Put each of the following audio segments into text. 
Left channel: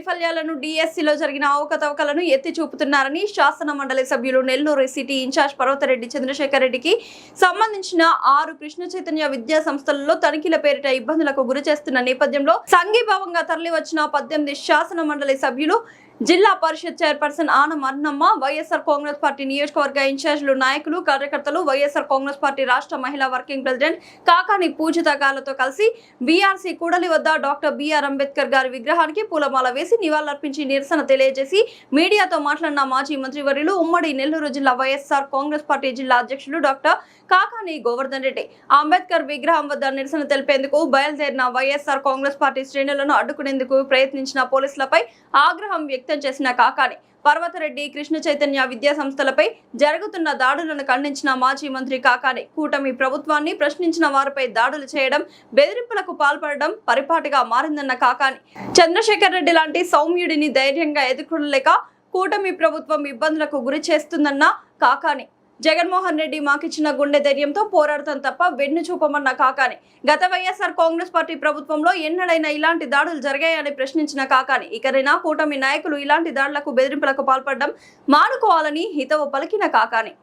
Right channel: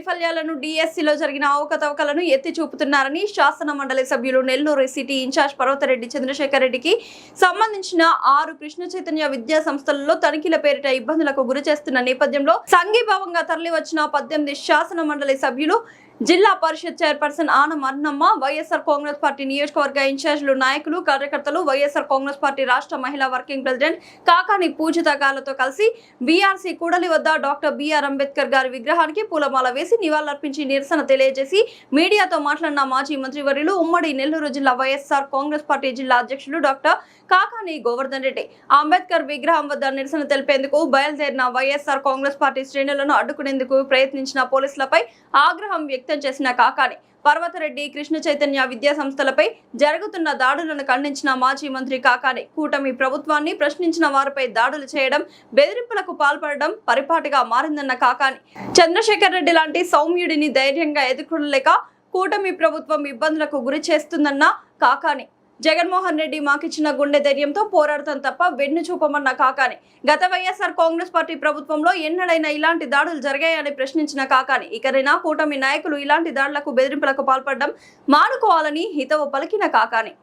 వైఫల్యాలను డిఎస్సిలో జరిగిన అవకతవకలను ఎత్తి చూపుతున్నారని శాసన మండలి సభ్యులు నెల్లూరు సిటీ ఇన్ఛార్జ్ పర్వతరెడ్డి చంద్రశేఖర్ రెడ్డికి సంబంధించిన 6 కృష్ణ చైతన్య విద్యా సంస్థలలో తనిఖీల పేరిట ఇబ్బందులకు గురి చేస్తున్న నేపథ్యంలో సంఘీభావంగా తరలివచ్చిన 18 శాసన మండలి సభ్యులు, జిల్లా పరిషత్ చైర్పర్సన్ ఆనం అన్నమ్మ, వైఎస్ఆర్ కాంగ్రెస్ పార్టీ నియోజకవర్గ ఇన్ఛార్జీలు, నాయకులు, కార్యకర్తలు, వైఎస్ఆర్ కాంగ్రెస్ పార్టీ రాష్ట్ర మహిళా వర్కింగ్ ప్రెసిడెంట్ కాకాని పూజిత గాలతో కలిసి బీఆర్సీ కూడలి వద్ద డాక్టర్ బిఆర్ అంబేద్కర్ గారి విగ్రహానికి పూలమాల వేసి నివాళులర్పించి నిరసన తెలియజేసి మీడియాతో మాట్లాడిన మాజీ మంత్రివర్యులు, ఉమ్మడి నెల్లూరు జిల్లా వైఎస్ఆర్ కాంగ్రెస్ పార్టీ జిల్లా అధ్యక్షులు డాక్టర్ కాకాని గోవర్ధన్ రెడ్డి అంబేద్కర్ విగ్రహం వద్ద నిరసన తెలిపేందుకు బయలుదేరిన వైఎస్ఆర్ కాంగ్రెస్ పార్టీ శ్రేణులను అడ్డుకునేందుకు ప్రయత్నించిన పోలీసులపై ఆగ్రహం వ్యక్తం చేసిన కాకాని పర్వతరెడ్డి కృష్ణ చైతన్య విద్యా సంస్థలపై జరుగుతున్న దాడులను ఖండించిన మాజీ మంత్రి కాకాని కూటమి ప్రభుత్వాన్ని ప్రశ్నించిన వారిపై దాడులు చేయడం, బెదిరింపులకు పాల్పడడం పరిపాటిగా మారిందన్న కాకాని చంద్రశేఖర్ రెడ్డి లాంటి సౌమ్యుడిని ధైర్యంగా ఎదుర్కొనలేక కూటమి ప్రభుత్వం ఇబ్బందులకు గురి చేస్తుందన్న కాకాని జగన్మోహన్ రెడ్డి మాకిచ్చిన గుండె ధైర్యంతో పోరాడతాం తప్ప వెన్ను చూపమన్న కాకాని గత వైఎస్ఆర్ కాంగ్రెస్ పార్టీ ప్రభుత్వంలో ఎన్నడైనా ఇలాంటి దాడులు జరిగాయని ప్రశ్నించిన కాకాని ఇకరైనా కూటమి నాయకులు ఇలాంటి దాడులకు బెదిరింపులకు పాల్పడడం మానుకోవాలని హితవు పలికిన కాకాని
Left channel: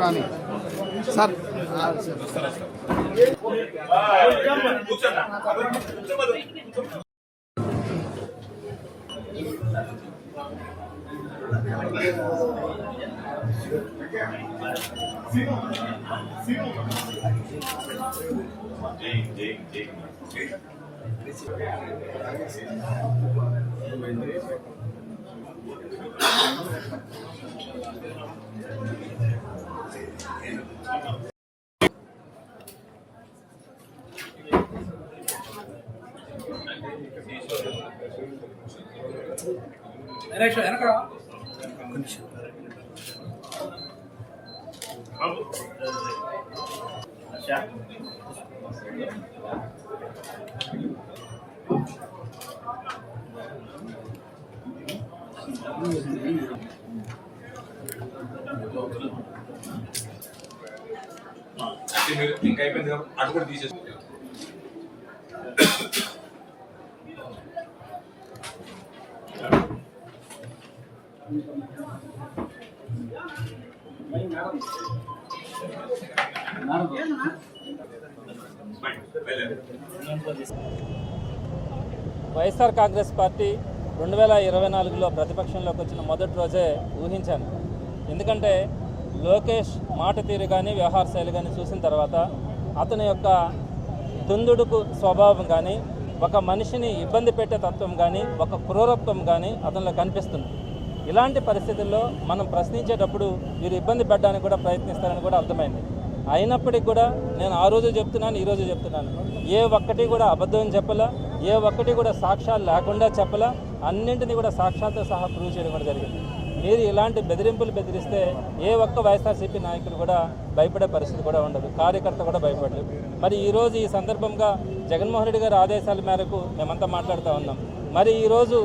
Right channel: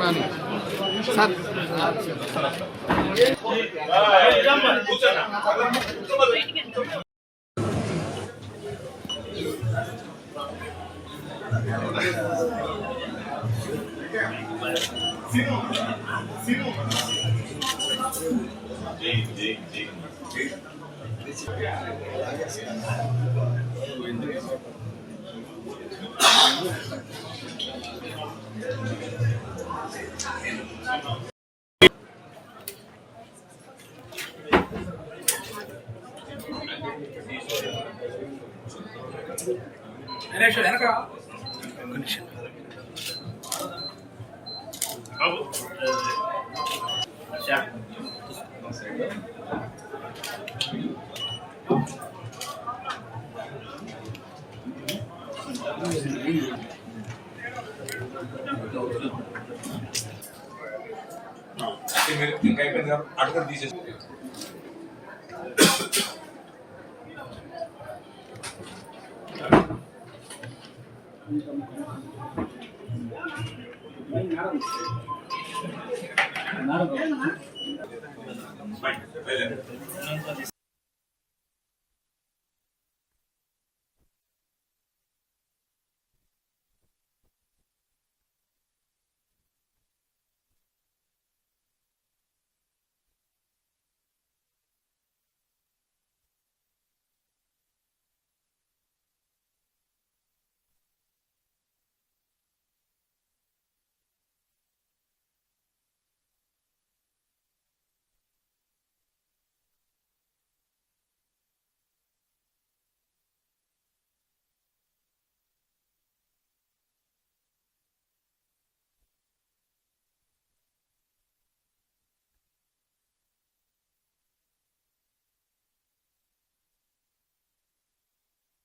రాని సార్ ఇంకా అయిపోయింది కాబట్టి అటు కూడా తీసేస్తుంది. వైఎస్ఆర్ కాంగ్రెస్ పార్టీ 2024లో ప్రతిపక్షంలోకి వచ్చిన మొదటి రోజే ఊహించాను. ఎందుకంటే లోకేష్ మాట తీరు కానీ వ్యవహార శైలి కానీ చూసిన తర్వాత అతని యొక్క దుందుడుకు స్వభావం కానీ, ఒక మనిషిని ఇబ్బంది పెట్టే తత్వం కానీ, ఒక క్రూరత్వం కానీ అతనిలో కనిపిస్తుంది. ఇలాంటి పరిస్థితుల్లో మనం ప్రశ్నించేటప్పుడు వీరు ఇబ్బంది పెట్టడానికి కూడా ప్రయత్నిస్తారని కూడా అర్థమైంది. అయినప్పటికీ కూడా నేను ఆ రోజు చెప్తున్నాను, ఈరోజు చెప్తున్నాను, ఏ ఒక్కటి కూడా అబద్ధం చెప్పలా, ఏ ఒక్కటి కూడా సాక్ష్యాలు లేకుండా చెప్పలా, అన్నింటినీ కూడా సాక్ష్యాలతో సహా ప్రూవ్ చేయడం కూడా జరిగింది. మీరు ఇలాంటి బెదిరింపులు బెదిరిస్తే ఏ ఒక్క వైఎస్ఆర్సీపీ నాయకులు కూడా భయపడే పరిస్థితి కూడా ఉండదు, కార్యకర్త కూడా భయపడలేదు. మరి ఈరోజు ఈ సందర్భంగా జగన్మోహన్ రెడ్డి గారి ఆదేశాల మేరకు మేమంతా మాట్లాడుతూ ఉన్నాం. మరి ఈరోజు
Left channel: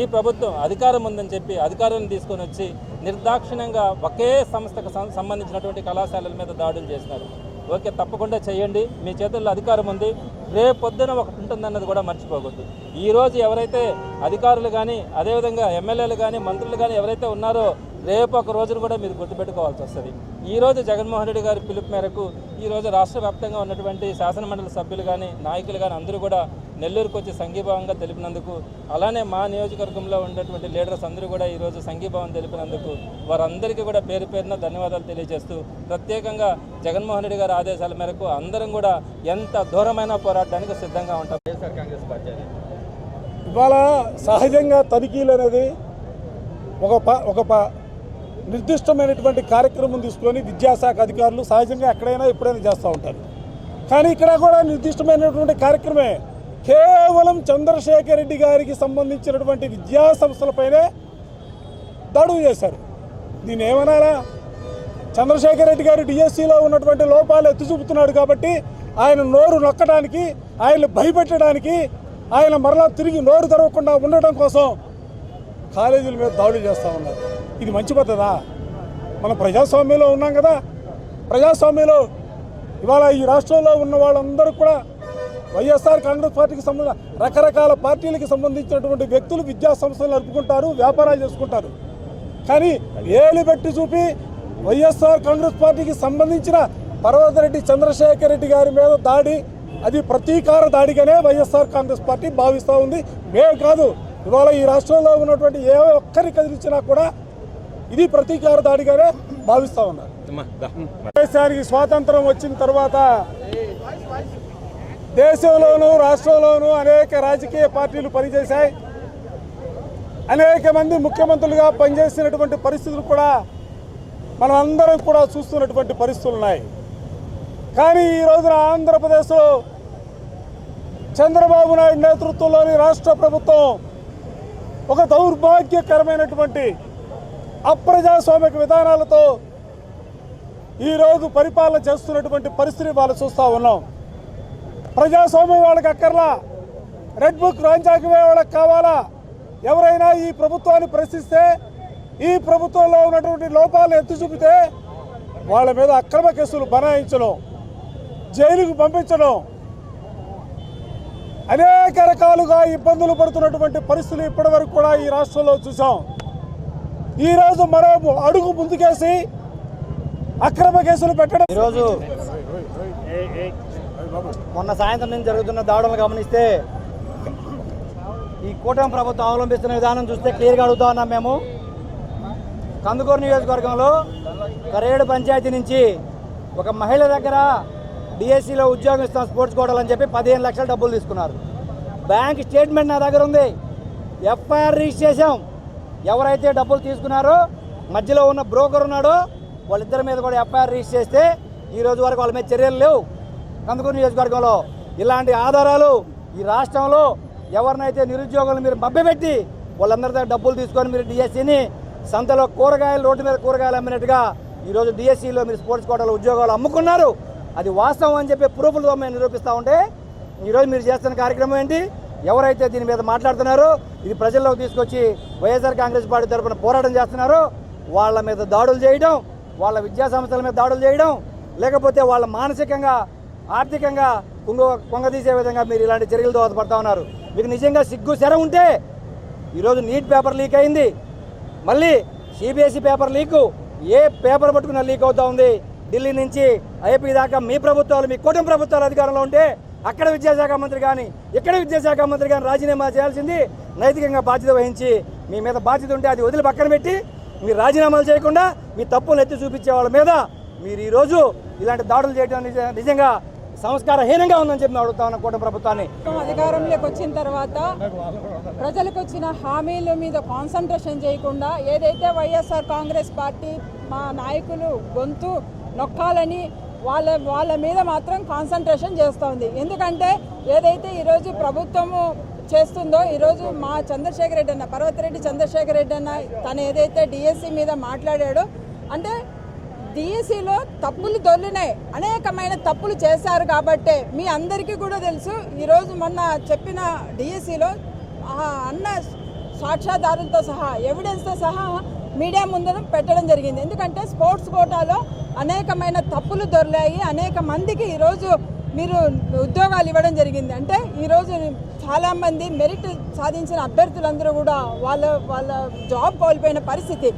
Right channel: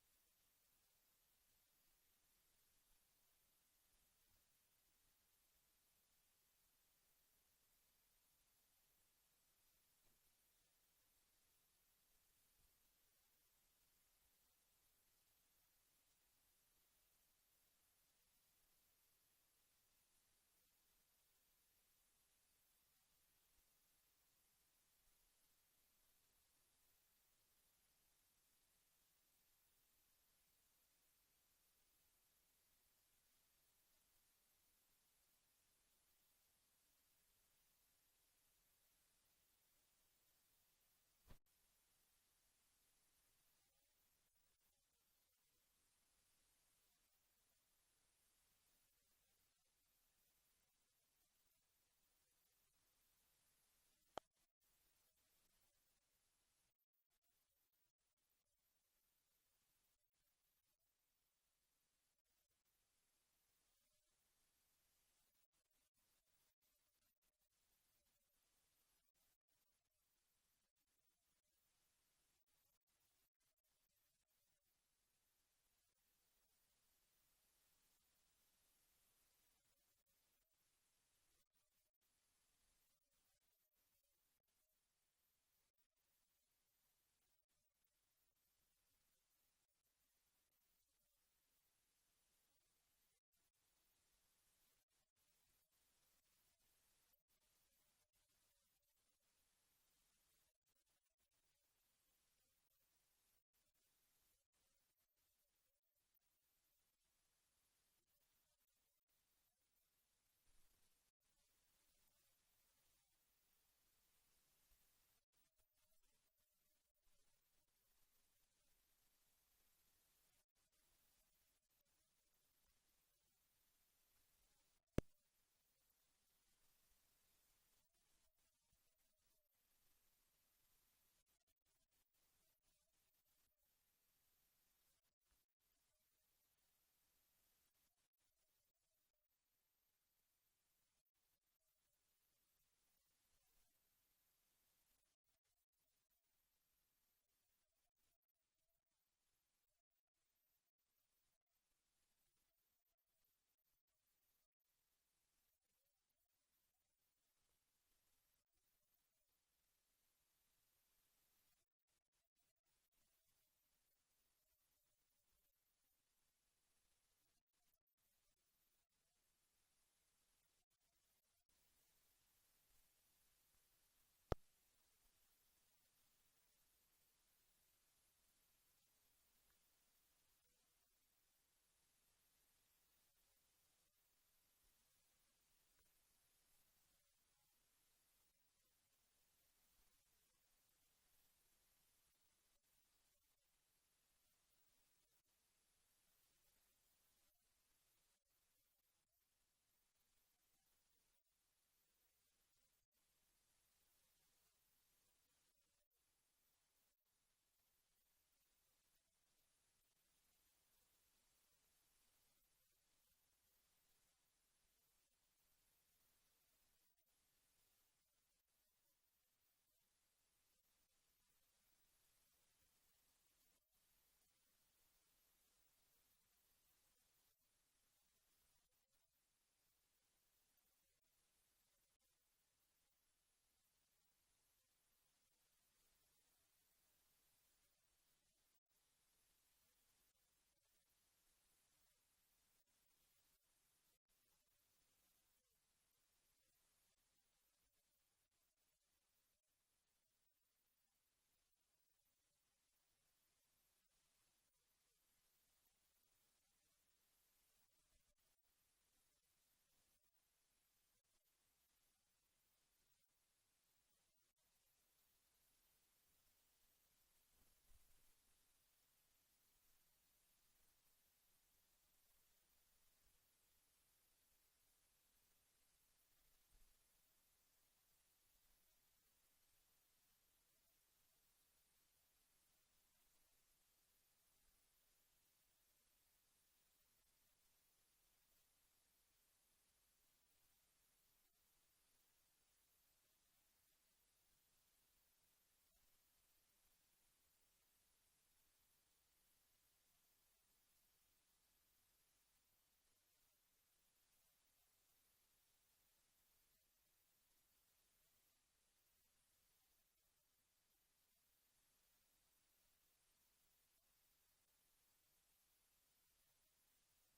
ఈ ప్రభుత్వం అధికారం ఉందని చెప్పి అధికారాన్ని తీసుకొని వచ్చి నిర్దాక్షిణ్యంగా ఒకే సంస్థకు సంబంధించినటువంటి కళాశాలల మీద దాడులు చేసినారు. ఓకే, తప్పకుండా చేయండి, మీ చేతుల్లో అధికారం ఉంది, రేపు పొద్దున ఒకటి ఉంటుందన్నది కూడా మర్చిపోకూడదు. ఈరోజు ఎవరైతే అధికారులు కానీ, అదేవిధంగా ఎమ్మెల్యేలు కానీ, మంత్రులు కానీ ఎవరైతే ఉన్నారో రేపు ఒక రోజును కూడా మీరు గుర్తుపెట్టుకోవాల్సి వస్తుంది. ఈరోజు జగన్మోహన్ రెడ్డి గారి పిలుపు మేరకు ఈరోజు రాష్ట్ర వ్యాప్తంగా ఉన్నటువంటి శాసనమండలి సభ్యులు కానీ, నాయకులు కానీ అందరూ కూడా నెల్లూరుకు వచ్చి సంఘీభావంగా తెలిపినందుకు, అలానే మా నియోజకవర్గంలో ఉన్నటువంటి లీడర్స్ అందరూ కూడా ఈరోజు సంఘీభావం తెలిపినందుకు వారందరికీ కూడా పేరు పేరున ధన్యవాదాలు తెలియజేస్తూ, ప్రత్యేకంగా జగన్మోహన్ రెడ్డి గారి ఆదేశాల మేరకు అందరం కూడా ఎంత దూరమైన పోరాటానికి సిద్ధంగా ఉంటాం. వైఎస్ఆర్ కాంగ్రెస్ పార్టీ ఇవాళ సహజంగా తనిఖీలు అనేది ఒక నిర్దిష్టమైనటువంటి కార్యక్రమం తీసుకొని విద్యాశాఖ అధికారులు సహజంగా ఎక్కడైనా ఎప్పుడైనా చేస్తూ ఉంటారు. కానీ ఇక్కడ కూడా నిర్దిష్టమైనటువంటి కార్యక్రమే. కేవలం చంద్రశేఖర్ రెడ్డి గారికి సంబంధించినటువంటి విద్యా సంస్థలపైనే దాడులు చేశారు. దీన్ని ఏమనాలా? చంద్రశేఖర్ రెడ్డి గారు డిఎస్సిలో ఉన్నటువంటి లోపాలు ఎత్తి చూపుతున్నాడు కాబట్టి ఆయన నోరు నొక్కడానికి, ఆయన్ని భయపెట్టడానికి, ఆయన మరలా తిరిగి నోరు తెరవకుండా ఉండటం కోసం కాలేజీల మీద దాడులు చేస్తూ ఉన్నారు. ఇది మంచి పద్ధతా? మనం ప్రజాస్వామ్యంలో ఉన్నాం కదా. ప్రజాస్వామ్యంలో ఇవాళ ఈ రాష్ట్రంలో ఉన్న వాళ్ళందరూ కూడా వైఎస్ఆర్ కాంగ్రెస్ పార్టీకి సంబంధించిన రకరకాల పార్టీలకు సంబంధించినటువంటి వ్యక్తులు విద్యా సంస్థలు నడుపుకుంటారు, వ్యాపారాలు చేసుకుంటారు. కానీ ఏలు పెట్టి చూపి వైఎస్ఆర్ కాంగ్రెస్ పార్టీకి సంబంధించిన పర్వతరెడ్డి చంద్రశేఖర్ రెడ్డి గారి మీద దాడి, అది ప్రతీకార దాడిగానే వైఎస్ఆర్ కాంగ్రెస్ పార్టీ భావిస్తూ ఉంది. మేము కాదు, ఇవాళ ఈ రాష్ట్రంలో ఉన్నటువంటి ఏ ఒక్కరి కదిలించినా కూడా ఇది ప్రతీకార దాడిగానే భావిస్తూ ఉన్నారు. దేశానికి స్వాతంత్రం వచ్చిన తర్వాత దేశంలోనూ రాష్ట్రంలోనూ అనేక రాజకీయ పార్టీలు పనిచేశాయి. అనేక మంది ముఖ్యమంత్రులుగా పనిచేసినటువంటి పరిస్థితులు కూడా మనం అందరం కూడా చూస్తున్నటువంటి పరిస్థితులు ఉన్నాయి. కానీ ఈ రోజున ఆంధ్రప్రదేశ్లో చంద్రబాబు నాయుడు నేతృత్వంలోని రాష్ట్ర ప్రభుత్వం ఒక దౌర్భాగ్యకరమైనటువంటి అప్రజాస్వామిక విధానాలతో ఈరోజు పరిపాలన చేస్తున్నటువంటి పరిస్థితి వాళ్ళు చూస్తూ ఉన్నాం. ప్రజాస్వామ్యం వాళ్ళకి అక్కర్లా, రెడ్ బుక్ రాజ్యాంగమే వాళ్ళకి కావాలా. ఎవరైనా ఈ ప్రభుత్వాన్ని ప్రశ్నిస్తే, ఈ ప్రభుత్వంలో ఉన్నటువంటి లోపాలను ఎత్తి చూపితే వాళ్ళ మీద అక్రమ కేసులు బనాయించడం, జైలుకు పంపించడం, అనేక రకాలుగా ఇబ్బందులు పడుతున్నటువంటి పరిస్థితులు ఇప్పటివరకు కూడా ఈ రాష్ట్రంలో చూసాం. ఈరోజు మరో అడుగు ముందుకేసి అక్రమ కేసులు పెట్టడం. ఈరోజు మొన్న సాయంత్రం నుంచి జరుగుతున్న దాడులను గమనిస్తే ఈ కూటమి ప్రభుత్వం అవలంబిస్తున్న విధానం చూస్తే క్లియర్గా అడుగుతా ఉన్నాం. మేము కందుకూరు నియోజకవర్గంలో కరేడు పంచాయతీ నుంచి ఒక మహిళ దగ్గర డిఎస్సిలో ఉద్యోగం ఇస్తాం స్పోర్ట్స్ కోటాలు అని చెప్పి 15 లక్షల డబ్బులు తీసుకున్నారు. బ్యాంక్ స్టేట్మెంట్ నా దగ్గర ఉంది. ఎఫ్ఐఆర్ రిజిస్టర్ చేసాం. ఎవరైతే డబ్బులు తీసుకున్నారో మధ్యలో ఉన్న బ్రోకర్ ఉన్నాడో వాళ్ళిద్దరి మీద కూడా ఎఫ్ఐఆర్ రిజిస్టర్ చేస్తే ఈరోజు వరకు వాళ్ళ మీద చర్యలు లేవు. కందుకూరు నియోజకవర్గంలో ఇలాంటి ఆధారాలు ఈ రాష్ట్రంలో ఎవరినైతే నిరుద్యోగులు మీరు మభ్యపెట్టి వాళ్ళందరి దగ్గర డబ్బులు తీసుకొని మీరు డిఎస్సిని సంతలో కూరగాయలు, రోడ్డు మీద కూరగాయలు అమ్మినట్టుగా ఈరోజు డిఎస్సిలో మీరు స్పోర్ట్స్ కోటాలో ఉద్యోగాలు అమ్ముకున్నారు. అది వాస్తవం అని చెప్పి ప్రూఫ్లతో మేము నిరూపిస్తూ ఉంటే ఈరోజు మీరు చేస్తున్న కార్యక్రమం ఏంటి? ఎవరైతే దీని మీద మాట్లాడుతున్నారో, ఇది ప్రజల్లోకి తీసుకొచ్చి వైఎస్ఆర్ కాంగ్రెస్ పార్టీ తరఫున పోరాటం చేస్తున్నారో వాళ్ళ మీద దాడులు చేయడం, వాళ్ళ విద్యా సంస్థల మీద దాడులు చేయడం, లేకపోతే వాళ్ళ మానసికంగా, ఆర్థికంగా కొంగదీసే విధంగా మీరు ఇలాంటి చర్యలు దోహదపడతా ఉన్నారు. మీకు నిజంగా సిగ్గు శర ఉంటే ఈరోజు నీట్ పేపర్ లీక్ అయింది, మళ్ళీ సిబిఎస్ఈ పేపర్ లీకు, ఏ పేపర్ పట్టుకున్నా లీక్ అవుతా ఉంది. ఢిల్లీ నుంచి ఐపీ దాకా మీ ప్రభుత్వాలు, మీ కూటమి ప్రభుత్వాలు అధికారంలో ఉంటే అక్కడ విద్యాశాఖ మంత్రి కానీ ఇక్కడ విద్యాశాఖ మంత్రి కానీ రాజీనామా చేయాల్సింది. నైతికంగా బాధ్యత వహించి మీ మీద బాధ్యత ఉంటే అది వదిలి పక్కన పెట్టి మీరు రాజీనామాలు చేయకుండా మీ తప్పులను ఎత్తి చూపించే వాళ్ళ మీద మీరు ఈరోజు ఇలాంటి దాడులు చేయడం నిజంగా సంస్కారహీనంగా ఉందని చెప్పి అడుగుతా ఉన్న కూటమి ప్రభుత్వాన్ని. అధికారంలోకి వచ్చిన తర్వాత ప్రజలకు వచ్చిన హామీల మీద కాన్సన్ట్రేషన్ చేయకుండా ఏదైతే వైఎస్ఆర్ కాంగ్రెస్ పార్టీ మా నాయకులు గొంతు నొక్కాలని వాళ్ళ మీద మాత్రం కాన్సన్ట్రేషన్ చేస్తోంది. ఎందుకంటే ఏదైతే ఈరోజు ప్రభుత్వము చేస్తుందో, ఈరోజు మా చంద్రశేఖర్ రెడ్డి అన్న, పర్వతిరెడ్డి చంద్రశేఖర్ రెడ్డి అన్న తను ఏదైతే డిఎస్సి మీద మాట్లాడాడో, అంటే డిఎస్సిలో తప్పులు దొర్లినాయి, అనేకమైన తప్పులు చేశారు. కాబట్టే మీ అందరికీ కూడా తెలుసు, ఈరోజు మొన్న చెప్పిన డిఎస్సిలో అన్న సాక్ష్యాధారులతో సహా ఎవిడెన్స్తో సహా మీడియా ముందర పెట్టడం జరిగింది. ఎందుకంటే స్పోర్ట్స్ కోటాలో అనేకమైన తప్పులు దొరికాయి, అనేక మందికి ఈరోజు మీరు ఉద్యోగాలు ఇవ్వడం జరిగింది. అంటే ఈరోజు చాలామంది మెరిట్ సాధించిన అభ్యర్థులందరూ కూడా వాళ్ళ జాబ్ కోల్పోయిన పరిస్థితి.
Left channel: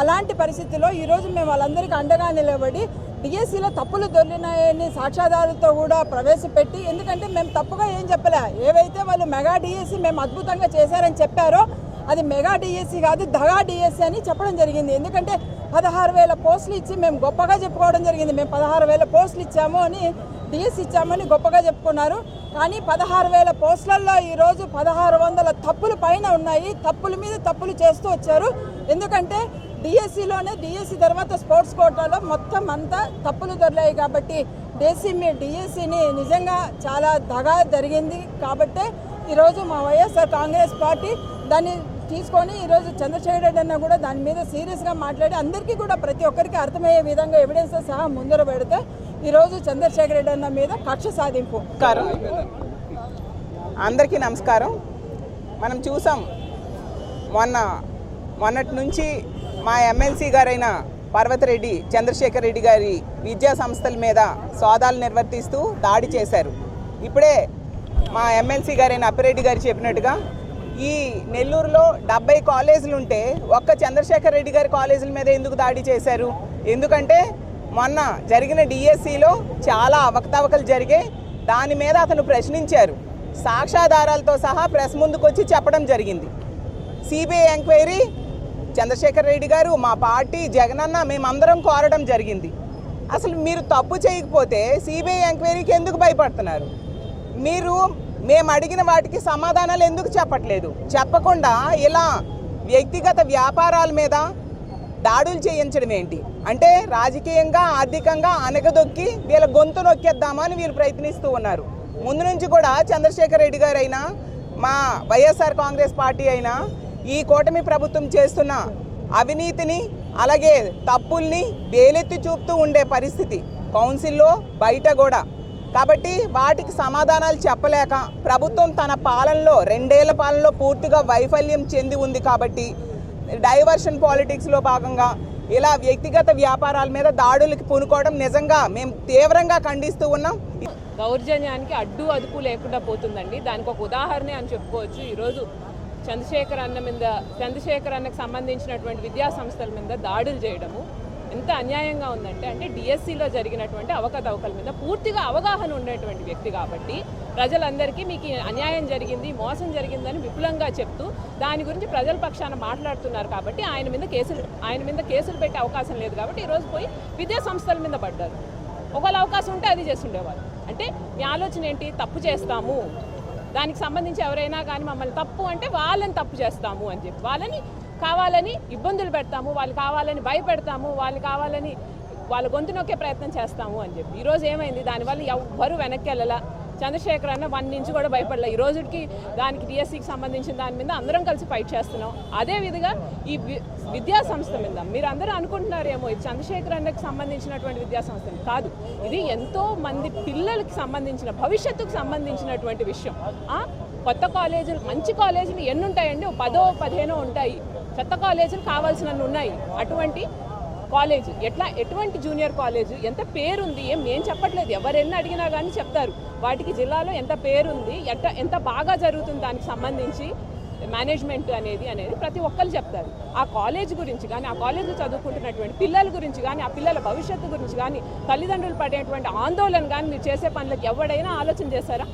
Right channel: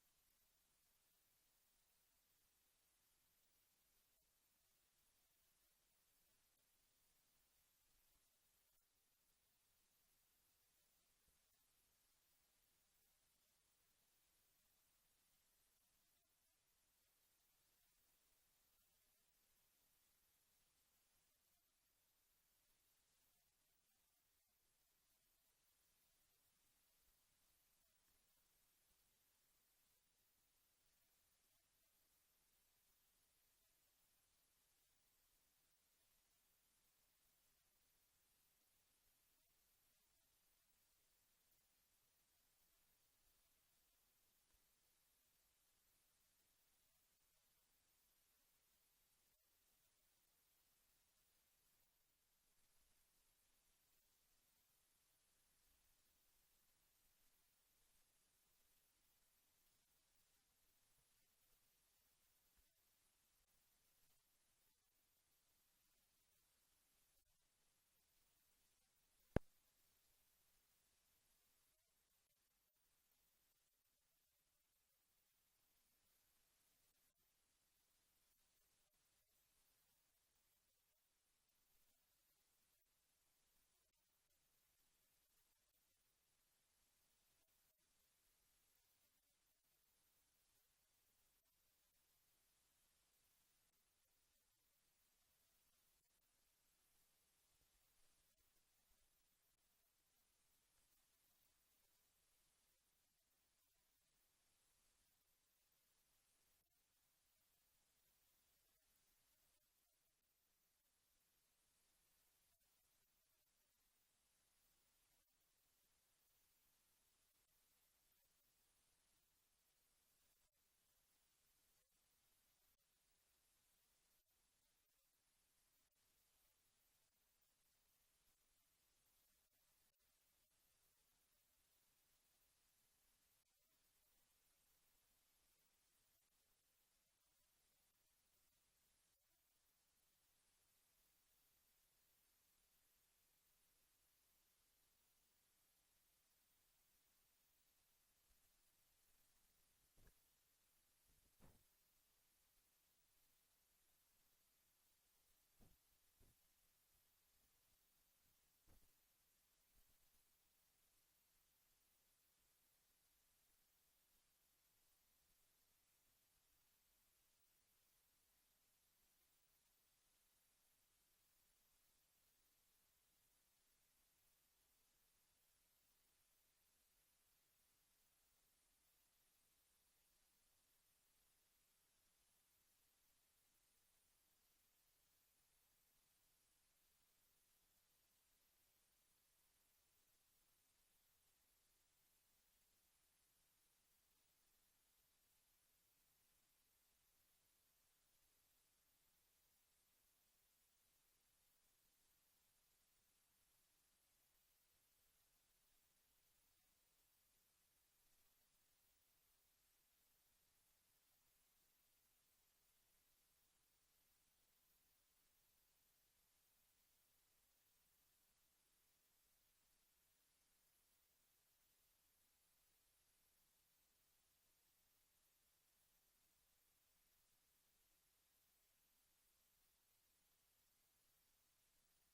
అలాంటి పరిస్థితిలో ఈరోజు మేము వాళ్ళందరికీ అండగా నిలబడి డిఎస్సిలో తప్పులు దొరికినాయని సాక్ష్యాధారులతో కూడా ప్రవేశపెట్టి, ఎందుకంటే మేము తప్పుగా ఏం చెప్పలే, ఏవైతే వాళ్ళు మెగా డిఎస్సి మేము అద్భుతంగా చేశారని చెప్పారో అది మెగా డిఎస్సి కాదు, దగా డిఎస్సి అని చెప్పడం జరిగింది. ఎందుకంటే 16,000 పోస్టులు ఇచ్చి మేము గొప్పగా చెప్పుకోవడం జరిగింది. మేము 16,000 పోస్టులు ఇచ్చాము అని, డిఎస్సి ఇచ్చామని గొప్పగా చెప్పుకున్నారు. కానీ 16,000 పోస్టులలో ఈరోజు 1,600 తప్పులు పైన ఉన్నాయి. తప్పుల మీద తప్పులు చేస్తూ వచ్చారు. ఎందుకంటే డిఎస్సి తర్వాత స్పోర్ట్స్ కోటాలో మొత్తం అంతా తప్పులు దొరికాయి. కాబట్టి డిఎస్సిని నిజంగా చాలా దగా జరిగింది. కాబట్టే ఈరోజు మా వైఎస్ఆర్ కాంగ్రెస్ పార్టీ దాన్ని తీసుకొని ఈరోజు చంద్రశేఖర్ రెడ్డి అన్న కూడా దాని మీద సీరియస్గా మాట్లాడి అందరికీ కూడా ప్రతి ఒక్కరికి అర్థమయ్యే విధంగా ఎవిడెన్స్ సహా ముందర పెడితే ఈరోజు చంద్రశేఖర్ రెడ్డి అన్న మీద కక్ష సాధింపు. అందరికీ నమస్కారం. మనం చూసాం మొన్నటి నుంచి మా ఎమ్మెల్సీ గారైన పర్వతిరెడ్డి చంద్రశేఖర్ రెడ్డి గారి విద్యా సంస్థల మీద సోదాలు నిర్వర్తిస్తూ దాడి చేశారు. ఇప్పుడే మా ఎమ్మెల్సీ గారైన అప్పిరెడ్డి గారు చెప్పినట్టుగా ఈ నెల్లూరులో 70 కాలేజీలు ఉంటే ఒక్క చంద్రశేఖర్ రెడ్డి గారి కాలేజీల మీద ఎందుకు దాడి చేశారు? ఎందుకంటే మొన్న జరిగిన డిఎస్సిలో చాలా అవకతవకలు జరిగాయి. దాని మీద అతను ప్రశ్నించారు. సాక్ష్యాధారాలతో సహా ప్రెస్ ముందుకు వచ్చి చెప్పడం జరిగింది. సిబిఐ ఎంక్వైరీ చంద్రశేఖర్ రెడ్డి గారు, మా పార్టీ, జగనన్న మేమందరం కోరడం జరిగింది. అసలు మీరు తప్పు చేయకపోతే సిబిఐ ఎంక్వైరీకి ఎందుకు భయపడుతున్నారు? మేము అడిగిన వాటికి సమాధానాలు ఎందుకు చెప్పట్లేదు? చెప్పకుండా ఇలా వ్యక్తిగత వ్యాపారాల మీద దాడులు చేయించడం ఏంటి? అంటే రాజకీయంగా, ఆర్థికంగా అనగదొక్కి వీళ్ళ గొంతు నొక్కేద్దామని వీళ్ళు ప్రయత్నిస్తూ ఉన్నారు. ముందు నుంచి కూడా చంద్రశేఖర్ రెడ్డి గారు అయినా, మా వైఎస్ఆర్ కాంగ్రెస్ పార్టీ అయినా ఈ కూటమి ప్రభుత్వం చేస్తున్న అవినీతిని, అలాగే తప్పుల్ని వేలెత్తి చూపుతూ ఉండే పరిస్థితి కౌన్సిల్లో, బయట కూడా. కాబట్టి వాటికి సమాధానాలు చెప్పలేక ప్రభుత్వం తన పాలనలో 2 ఏళ్ల పాలనలో పూర్తిగా వైఫల్యం చెంది ఉంది. కాబట్టి డైవర్షన్ పాలిటిక్స్లో భాగంగా ఇలా వ్యక్తిగత వ్యాపారాల మీద దాడులకు పూనుకోవడం నిజంగా మేము తీవ్రంగా ఖండిస్తూ ఉన్నాం. దౌర్జన్యానికి అడ్డు అదుపు లేకుండా పోతుందండి. దానికి ఒక ఉదాహరణ అని చెప్పుకోవచ్చు. ఈరోజు చంద్రశేఖర్ అన్నకు సంబంధించినటువంటి విద్యా సంస్థల మీద దాడులు చేయడము ఎంత అన్యాయంగా ఉందంటే, అంటే డిఎస్సిలో జరిగినటువంటి అవకతవకల మీద పూర్తిగా అవగాహన ఉండేటువంటి వ్యక్తి కాబట్టి ప్రజలందరికీ మీకు అన్యాయం జరిగింది, మోసం జరిగిందని విపులంగా చెప్తూ దాని గురించి ప్రజల పక్షాన మాట్లాడుతున్నారు. కాబట్టి ఆయన మీద కేసులు పెట్టే అవకాశం లేదు. కాబట్టి ఈరోజు పోయి విద్యా సంస్థల మీద పడ్డారు. ఒకవేళ అవకాశం ఉంటే అది చేస్తుండేవాళ్ళు. అంటే మీ ఆలోచన ఏంటి? తప్పు చేస్తాము, దానికి సంబంధించి ఎవరైనా కానీ మమ్మల్ని తప్పు అంటే వాళ్ళని తప్పు చేస్తాము అని చెప్పి, వాళ్ళని కావాలని ఇబ్బందులు పెడతాము, వాళ్ళు కావాలని భయపెడతాము, వాళ్ళు కావాలని వాళ్ళ గొంతు నొక్కే ప్రయత్నం చేస్తాము అని చెప్పి ఈరోజు ఏమైంది? దానివల్ల ఎవ్వరూ వెనక్కి వెళ్ళాల. చంద్రశేఖర్ అన్న 1 నుంచి కూడా భయపడలే. ఈ రోజుకి దానికి డిఎస్సికి సంబంధించిన దాని మీద అందరం కలిసి ఫైట్ చేస్తున్నాం. అదేవిధంగా ఈ విద్యా సంస్థ మీద మీరు అందరూ అనుకుంటున్నారేమో ఇది చంద్రశేఖర్ అన్నకి సంబంధించినటువంటి విద్యా సంస్థ కాదు. ఇది ఎంతో మంది పిల్లలకి సంబంధించిన, భవిష్యత్తుకు సంబంధించినటువంటి విషయం. కొత్త కాలేజీలు, మంచి కాలేజీలు ఎన్ని ఉంటాయండి? 10, 15 ఉంటాయి. చెత్త కాలేజీలు కావాల్సినన్ని ఉన్నాయి. అటువంటి కాలేజ్ ఎటువంటి జూనియర్ కాలేజ్ ఎంత పేరుంది? ఏం చెప్పట్లేదు. ఎవరెన్ని అడిగినా కానీ చెప్తారు. వాటికి జిల్లాలో ఎంత పేరుంది, ఎంత బాగా జరుగుతుంది దానికి సంబంధించి. మేనేజ్మెంట్ అనేది ప్రతి ఒక్కరు చెప్తారు. ఆ కాలేజ్ గురించి కానీ, ఆ కాలేజ్లో చదువుకుంటున్నటువంటి పిల్లల గురించి కానీ, ఆ పిల్లల భవిష్యత్తు గురించి కానీ, తల్లిదండ్రులు పడేటువంటి ఆందోళన కానీ, మీరు చేసే పనులకు ఎవడైనా ఆలోచన చేస్తారా?